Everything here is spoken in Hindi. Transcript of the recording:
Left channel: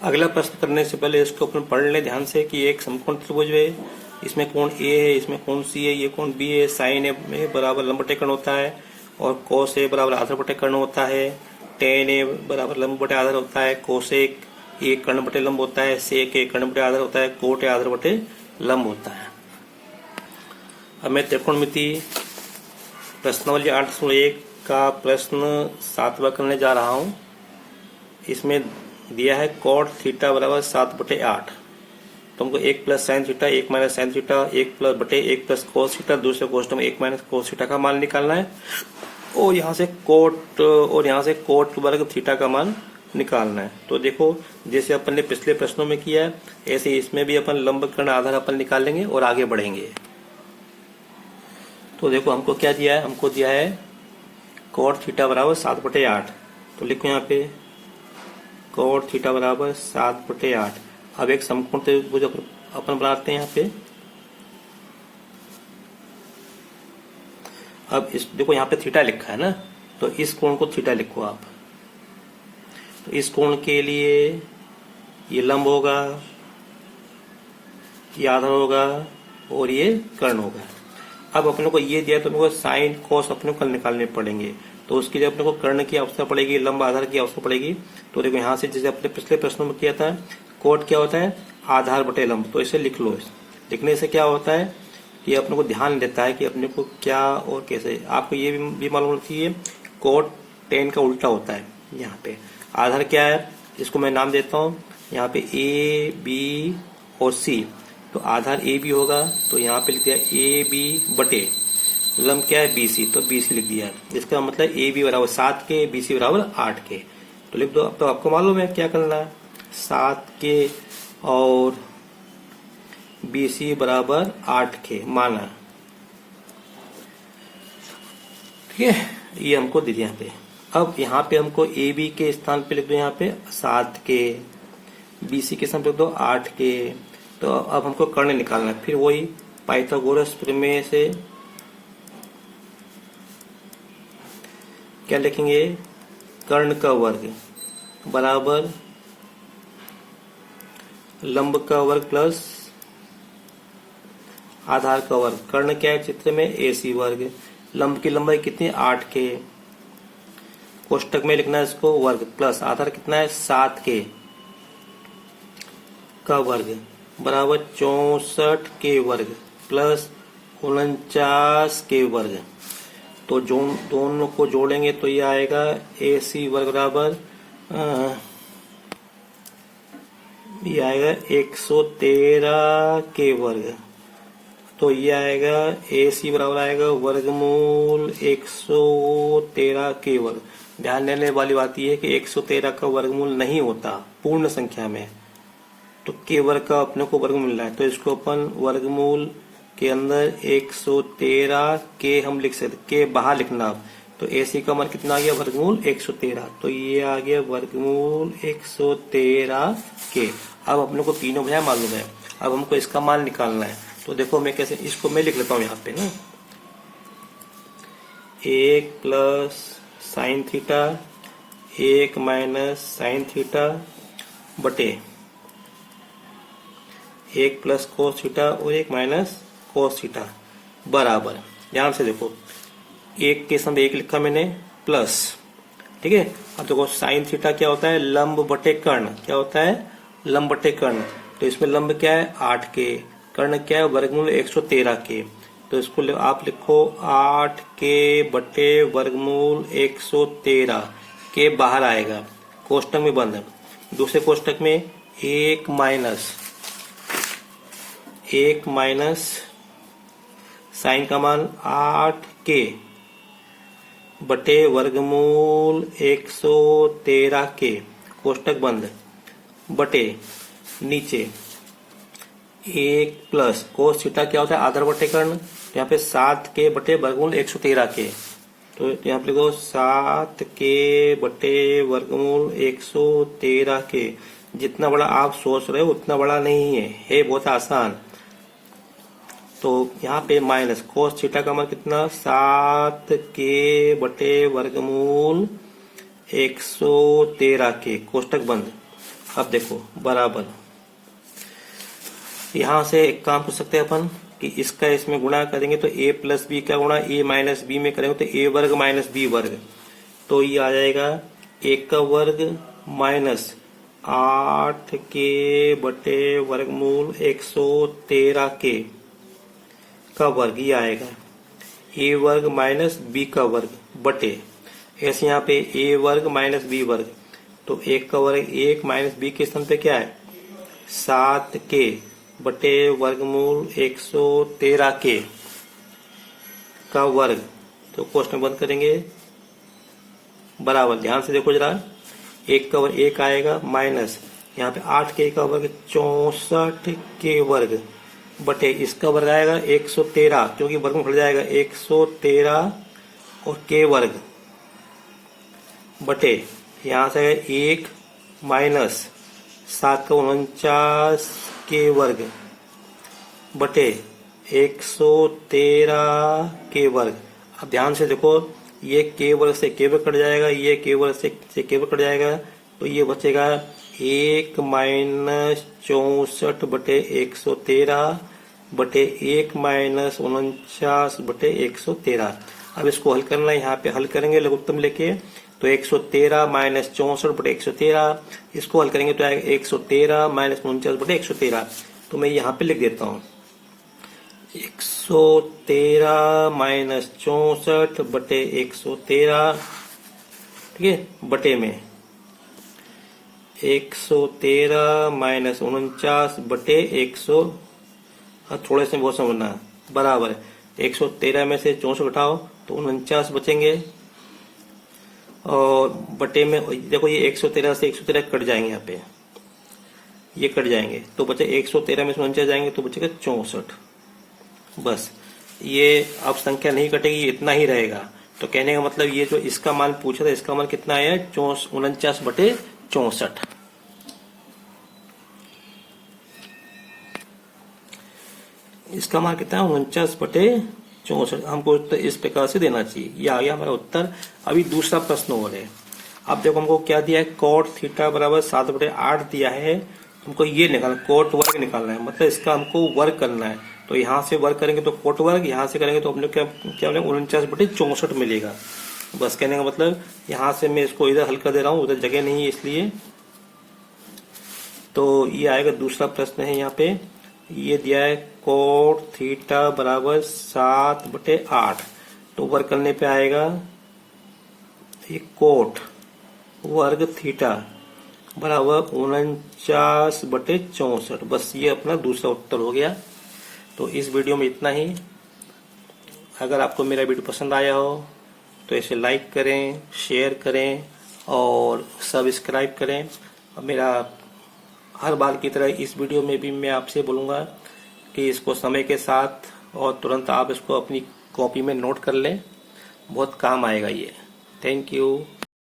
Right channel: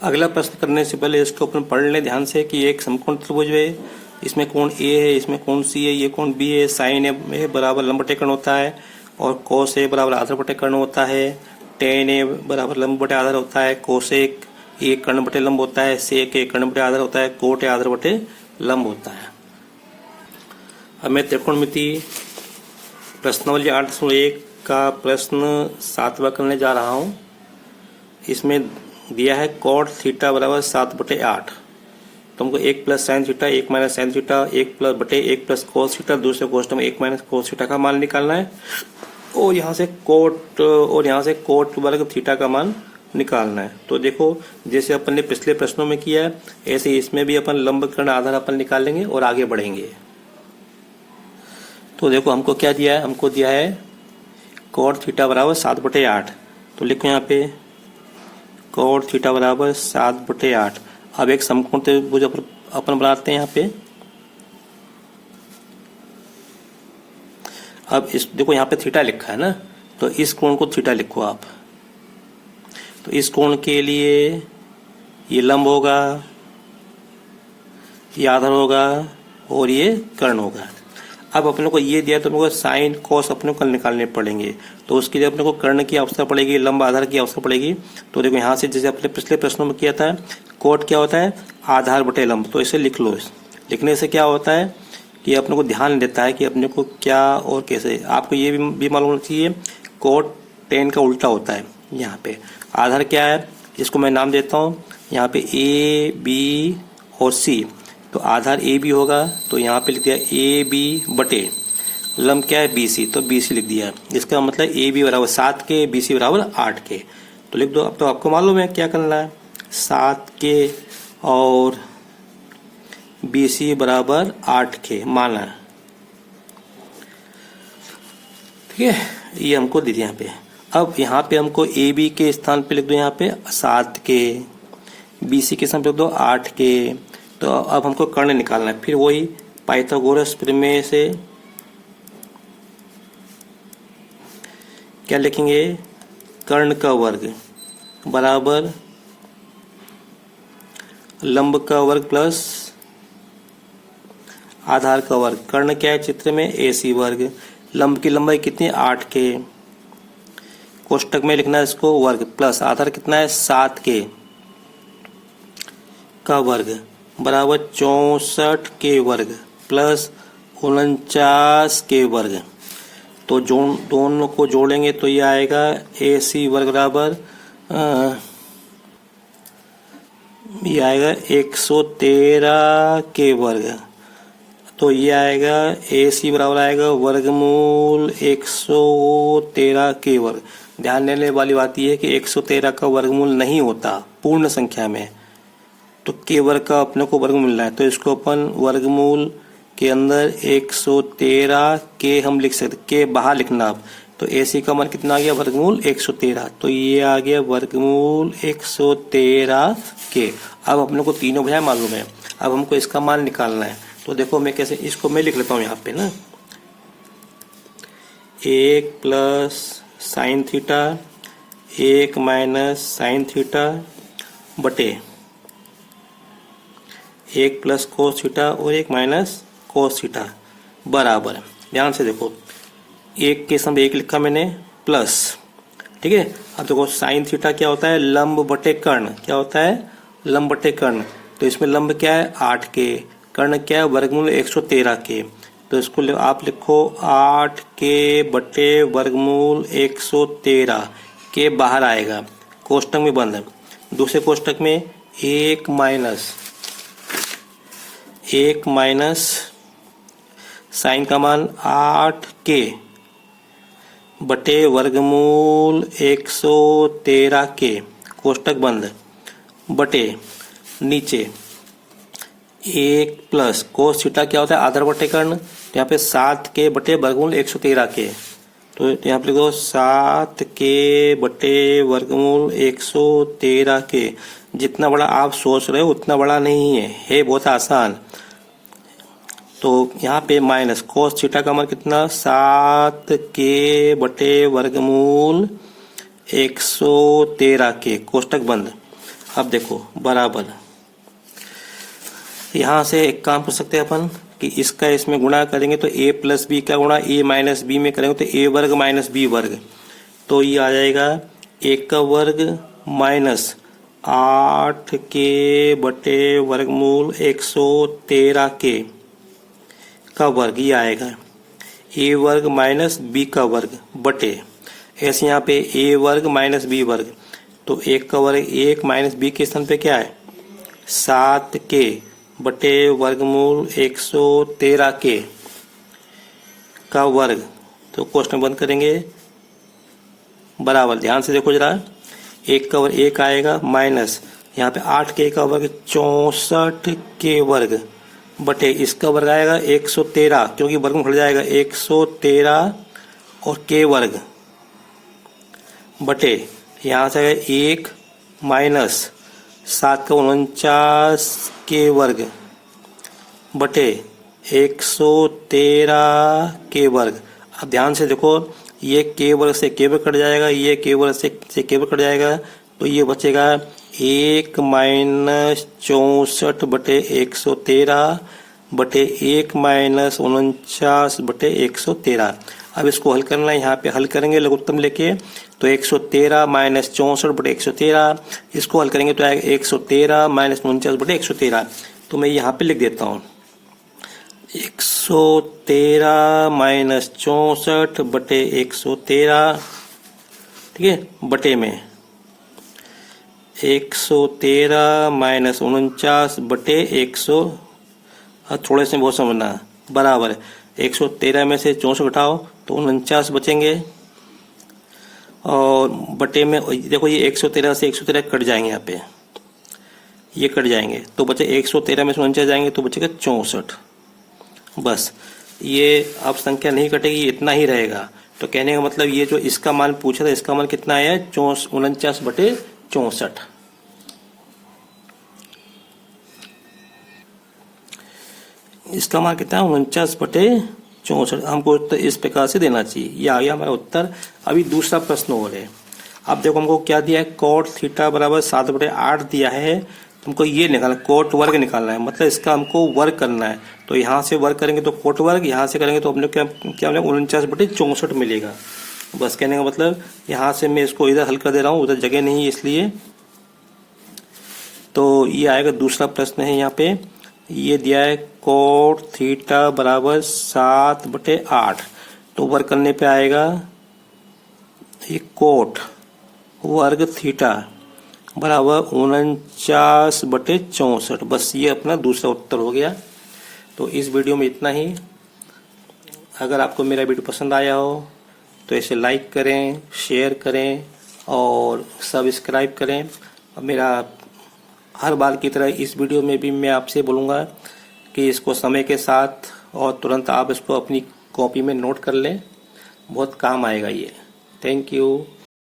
अगला प्रश्न करने से पहले इसको अपन पढ़ लें ध्यान से कि एक समकोण त्रिभुज है, इसमें कोण ए है, इसमें कोण सी है, ये कोण बी है। साइन ए बराबर लंब बटे कर्ण होता है और कोस ए बराबर आधार बटे कर्ण होता है। टेन ए बराबर लंब बटे आधार होता है। कोसेक ए कर्ण बटे लंब होता है। सेक ए कर्ण बटे आधार होता है। कोट ए आधार बटे लंब होता है। अब मैं त्रिकोणमिति प्रश्नावली 8.1 का प्रश्न 7वां करने जा रहा हूं। इसमें दिया है कॉट थीटा बराबर 7/8। तुमको 1 plus sine theta, 1 minus sine theta, 1 plus बटे 1 प्लस कोस थीटा, दूसरे क्वेश्चन में 1 माइनस कोस थीटा का मान निकालना है और यहाँ से कोट वर्ग थीटा का मान निकालना है। तो देखो, जैसे अपन ने पिछले प्रश्नों में किया है ऐसे इसमें भी अपन लंब कर्ण आधार अपन निकालेंगे और आगे बढ़ेंगे। तो देखो हमको क्या दिया है, हमको दिया है कोट थीटा बराबर 7/8। तो लिखो यहाँ पे कोट थीटा बराबर 7/8। अब एक समकोण त्रिभुज अपन बनाते हैं यहाँ पे। अब इस देखो यहाँ पे थीटा लिखा है ना, तो इस कोण को थीटा लिखो आप। तो इस कोण के लिए ये लंब होगा, ये आधार होगा और ये कर्ण होगा। अब अपने को ये दिया तो अपने को साइन कोस अपने को निकालने पड़ेंगे, तो उसके लिए अपने को कर्ण की आवश्यकता पड़ेगी, लंब आधार की आवश्यकता पड़ेगी। तो देखो यहाँ से जैसे अपने पिछले प्रश्नों में किया था, कोट क्या होता है, आधार बटे लंब। तो इसे लिख लो। लिखने से क्या होता है कि अपने को ध्यान देता है कि अपने को क्या और कैसे। आपको ये भी मालूम होना चाहिए कोट टेन का उल्टा होता है। यहाँ पे आधार क्या है, इसको मैं नाम देता हूँ यहाँ पे ए बी और सी। तो आधार ए बी होगा, तो यहाँ पे लिख दिया ए बी बटे लंब क्या है बी सी, तो बी सी लिख दिया। इसका मतलब ए बी बराबर 7 के, बी सी बराबर 8 के। तो लिख दो। अब तो आपको मालूम है क्या करना है, 7 के और बी सी बराबर 8 के माना। ठीक है, ये हमको दे दिया यहाँ पे। अब यहाँ पे हमको ए बी के स्थान पे लिख दो यहाँ पे 7 के, बी सी के स्थान पे लिख दो 8 के। तो अब हमको कर्ण निकालना है। फिर वही पाइथागोरस प्रमेय से क्या लिखेंगे, कर्ण का वर्ग बराबर लंब का वर्ग प्लस आधार का वर्ग। कर्ण क्या है चित्र में, AC वर्ग। लंब की लंबाई कितनी, 8 के। कोष्टक में लिखना है इसको वर्ग प्लस आधार कितना है 7 के का वर्ग बराबर 64 के वर्ग प्लस 49 के वर्ग। तो दोनों को जोड़ेंगे तो ये आएगा AC वर्ग बराबर ये आएगा 113 के वर्ग। तो ये आएगा AC बराबर आएगा वर्गमूल 113 के वर्ग। ध्यान देने वाली बात यह है कि 113 का वर्गमूल नहीं होता पूर्ण संख्या में, तो के वर्ग का अपने को वर्गमूल मिल रहा है। तो इसको अपन वर्गमूल के अंदर 113 के हम लिख सकते, के बाहर लिखना। अब तो AC का मान कितना आ गया, वर्गमूल 113। तो ये आ गया वर्गमूल 113 के। अब अपने को तीनों भैया मालूम है, अब हमको इसका मान निकालना है। तो देखो मैं कैसे, इसको मैं लिख लेता हूँ यहाँ पे ना, 1 plus sine theta, 1 minus sine theta बटे 1 प्लस कोस थीटा और 1 माइनस कोस थीटा बराबर। ध्यान से देखो, 1 के समय 1 लिखा मैंने प्लस। ठीक है, अब देखो साइन थीटा क्या होता है, लंब बटे कर्ण। क्या होता है, लंब बटे कर्ण। तो इसमें लंब क्या है 8 के, कर्ण क्या है वर्गमूल 113 के। तो इसको आप लिखो 8 के बटे वर्गमूल 113 के बाहर आएगा, कोष्टक में बंद। दूसरे कोष्टक में 1 माइनस साइन का मान 8 के बटे वर्गमूल 113 के, कोष्टक बंद, बटे नीचे 1 प्लस कोस थीटा क्या होता है आधार बटे कर्ण। तो यहाँ पे 7 के बटे वर्गमूल 113 के। तो यहाँ पे लिखो 7 के बटे वर्गमूल 113 के। जितना बड़ा आप सोच रहे हो उतना बड़ा नहीं है बहुत आसान। तो यहाँ पे माइनस कोस थीटा का मान कितना, 7 के बटे वर्गमूल 113 के, कोष्टक बंद। अब देखो बराबर, यहां से एक काम कर सकते हैं अपन कि इसका इसमें गुणा करेंगे तो a प्लस बी का गुणा a माइनस बी में करेंगे तो a वर्ग माइनस बी वर्ग, तो ये आ जाएगा a का वर्ग माइनस 8k बटे वर्गमूल 113k का वर्ग, ये आएगा a वर्ग माइनस बी का वर्ग बटे, ऐसे यहाँ पे a वर्ग माइनस बी वर्ग, तो 1 का वर्ग 1 माइनस बी के स्थान पे क्या है 7k बटे वर्गमूल 113k का वर्ग, तो क्वेश्चन बंद करेंगे बराबर, ध्यान से देखो जरा, 1 का वर्ग 1 आएगा माइनस यहाँ पे 8k का वर्ग 64k वर्ग बटे इसका वर्ग आएगा 113, क्योंकि वर्ग में खुल जाएगा 113 और k वर्ग बटे यहाँ से 1 माइनस 7 का 49 के वर्ग बटे 113 के वर्ग। अब ध्यान से देखो, ये के वर्ग से के वर्ग कट जाएगा, ये के वर्ग से के वर्ग कट जाएगा, तो ये बचेगा 1 माइनस 64 बटे 113 बटे 1 माइनस 49 बटे 113। अब इसको हल करना है, यहाँ पे हल करेंगे लघुत्तम लेके, तो 113 माइनस 64 बटे 113, इसको हल करेंगे तो आएगा 113 माइनस 49 बटे 113। तो मैं यहाँ पे लिख देता हूँ 113 माइनस 64 बटे 113, ठीक है, बटे में 113 माइनस 49 बटे 100, थोड़े से बहुत समझना, बराबर 113 में से 64 घटाओ तो 49 बचेंगे, और बटे में देखो ये 113 से 113 कट जाएंगे, यहाँ पे ये कट जाएंगे तो बचे 113 में से 49 जाएंगे तो बचेगा 64। बस ये अब संख्या नहीं कटेगी, इतना ही रहेगा। तो कहने का मतलब ये जो इसका मान पूछा था, इसका मान कितना आया है 49 बटे 64। इसका मान कितना है 49 बटे 64। हमको उत्तर इस प्रकार से देना चाहिए। ये आ गया हमारा उत्तर। अभी दूसरा प्रश्न और है। अब देखो हमको क्या दिया है, कोट थीटा बराबर 7/8 दिया है, तुमको ये निकालना, कोट वर्ग निकालना है, मतलब इसका हमको वर्ग करना है। तो यहाँ से वर्ग करेंगे तो कोट वर्ग, यहाँ से करेंगे तो हम लोग क्या 49/64 मिलेगा। बस कहने का मतलब यहाँ से मैं इसको इधर हल कर दे रहा हूँ, उधर जगह नहीं है इसलिए। तो ये आएगा दूसरा प्रश्न है, यहाँ पे ये दिया है कोट थीटा बराबर 7/8, तो वर्ग करने पे आएगा ये कोट वर्ग थीटा बराबर 49/64। बस ये अपना दूसरा उत्तर हो गया। तो इस वीडियो में इतना ही। अगर आपको मेरा वीडियो पसंद आया हो तो इसे लाइक करें, शेयर करें और सब्सक्राइब करें। और मेरा हर बार की तरह इस वीडियो में भी मैं आपसे बोलूँगा कि इसको समय के साथ और तुरंत आप इसको अपनी कॉपी में नोट कर लें, बहुत काम आएगा ये। Thank you.